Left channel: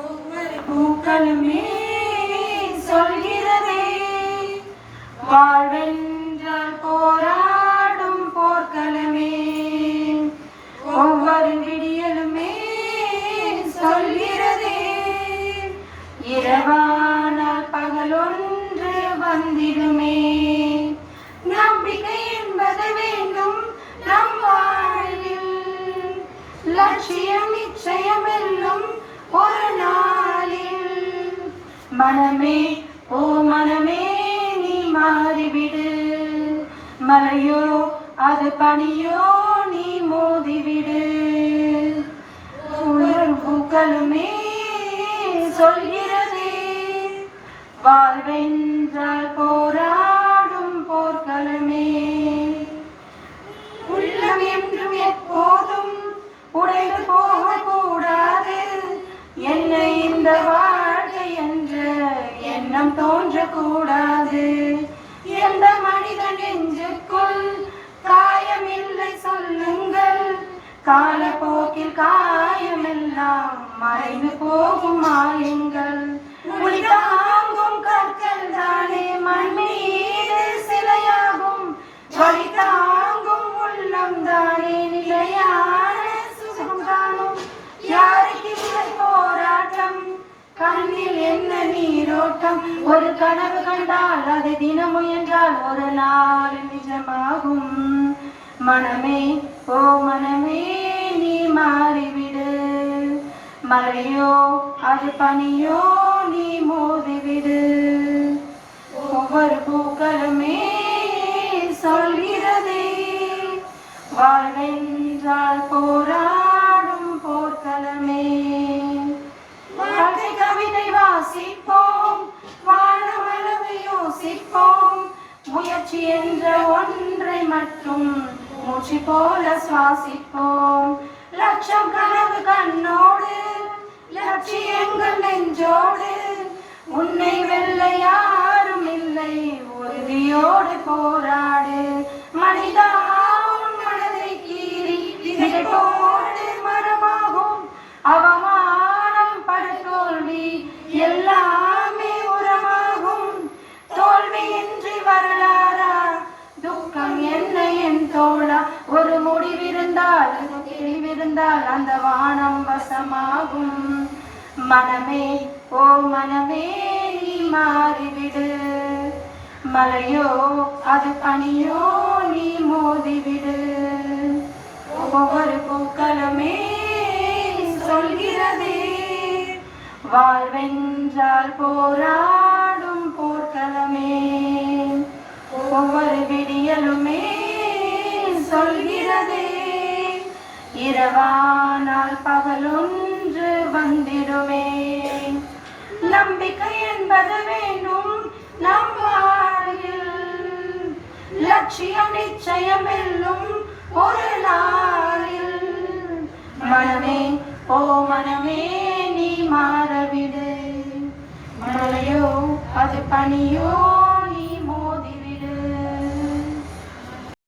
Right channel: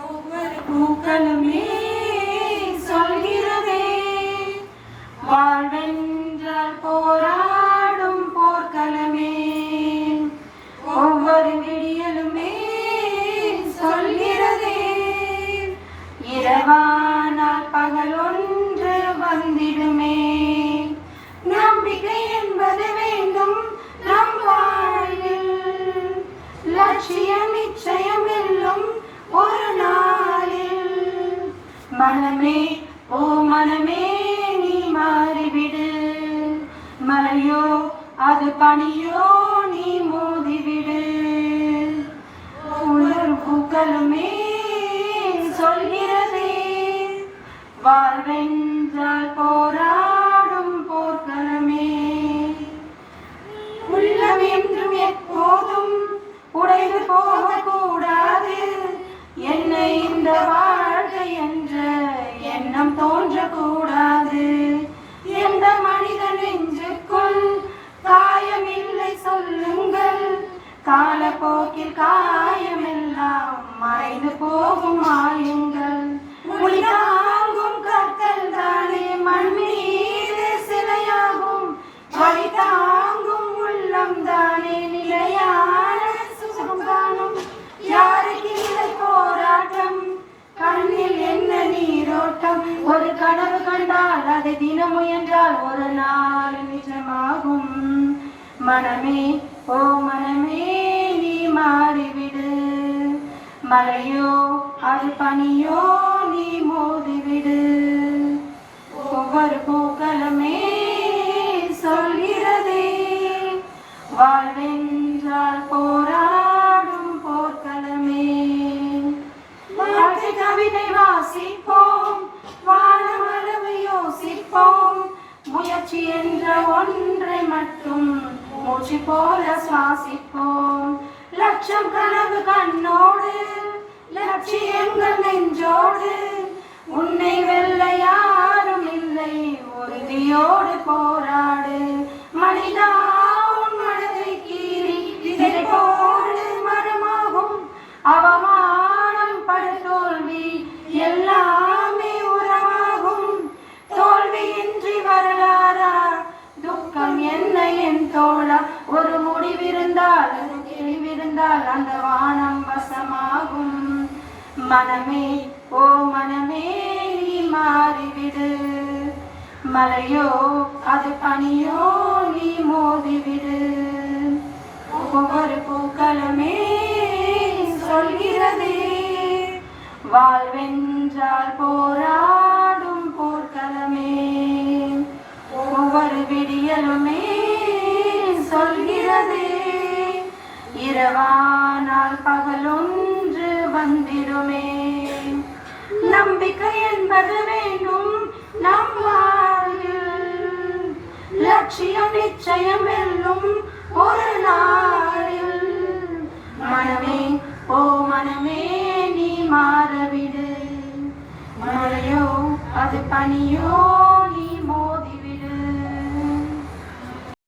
ஒவ்வொரு பூக்களுமே சொல்கிறதே வாழ்வென்றால் போராடும் போர்க்களமே. ஒவ்வொரு விடியலுமே சொல்கிறதே இரவானால் பகலொன்று வந்திடுமே. நம்பிக்கை என்பது வேண்டும் நம் வாழ்வில், லட்சியம் நிச்சயம் வெல்லும் ஒரு நாளில். மனமே ஓ மனமே நீ மாறிவிடு, மலையோ அது பனியோ நீ மோதிவிடு. ஒவ்வொரு பூக்களுமே சொல்கிறதே வாழ்வென்றால் போராடும் போர்க்களமே. உள்ளம் என்றும் எப்போதும் உடைந்து போகக்கூடாது, என்னை இந்த வாழ்க்கை என்ற எண்ணம் தோன்றக்கூடாது. எந்த மனித நெஞ்சுக்குள் காயமில்லை சொல்லுங்கள், காலப்போக்கில் காயமெல்லாம் மறைந்து போகும் மாயங்கள். தாங்கும் கற்கள் தானே மண் மீது சிலையாகும், வழி தாங்கும் உள்ளம் தானே நிலையான சுகம் காணும். யாருக்கு இல்லை போராட்டம், கண்ணில் என்ன நீரோட்டம். ஒரு கனவு கண்டால் அதை தினம் முயன்றால் ஒரு நாள் நிஜமாகும். மனமே ஓ மனமே நீ மாறிவிடு, மலையோ அது பனியோ நீ மோதிவிடு. ஒவ்வொரு பூக்களுமே சொல்கிறதே வாழ்வென்றால் போராடும் போர்க்களமே. வாழ்க்கை கவிதை வாசிப்போம், வானமளவு யோசிப்போம், முயற்சி என்ற ஒன்றை மட்டும் மூச்சு போல சுவாசிப்போம். லட்சம் கனவு கண்ணோடு, லட்சியங்கள் நெஞ்சோடு, உன்னை வெல்ல யாரும் இல்லை உறுதியோடு போராடு. மனிதா உன் மனதை கீறி விதை போடு மரமாகும். அவமானம் படு தோல்வி எல்லாமே உரமாகும். தோல்வியின்றி வரலாறா, துக்கம் என்ன என் தோழா. ஒரு முடிவிருந்தால் அது தெளிவிருந்தால் அந்த வானம் வசமாகும். மனமே ஓ மனமே நீ மாறிவிடு, மலையோ அது பனியோ நீ மோதிவிடு. ஒவ்வொரு பூக்களுமே சொல்கிறதே வாழ்வென்றால் போராடும் போர்க்களமே. ஒவ்வொரு விடியலுமே சொல்கிறதே இரவானால் பகலொன்று வந்திடுமே. நம்பிக்கை என்பது வேண்டும் நம் வாழ்வில், லட்சியம் நிச்சயம் வெல்லும் ஒரு நாளில். மனமே ஓ மனமே நீ மாறவிடு, மலையோ அது பனியோ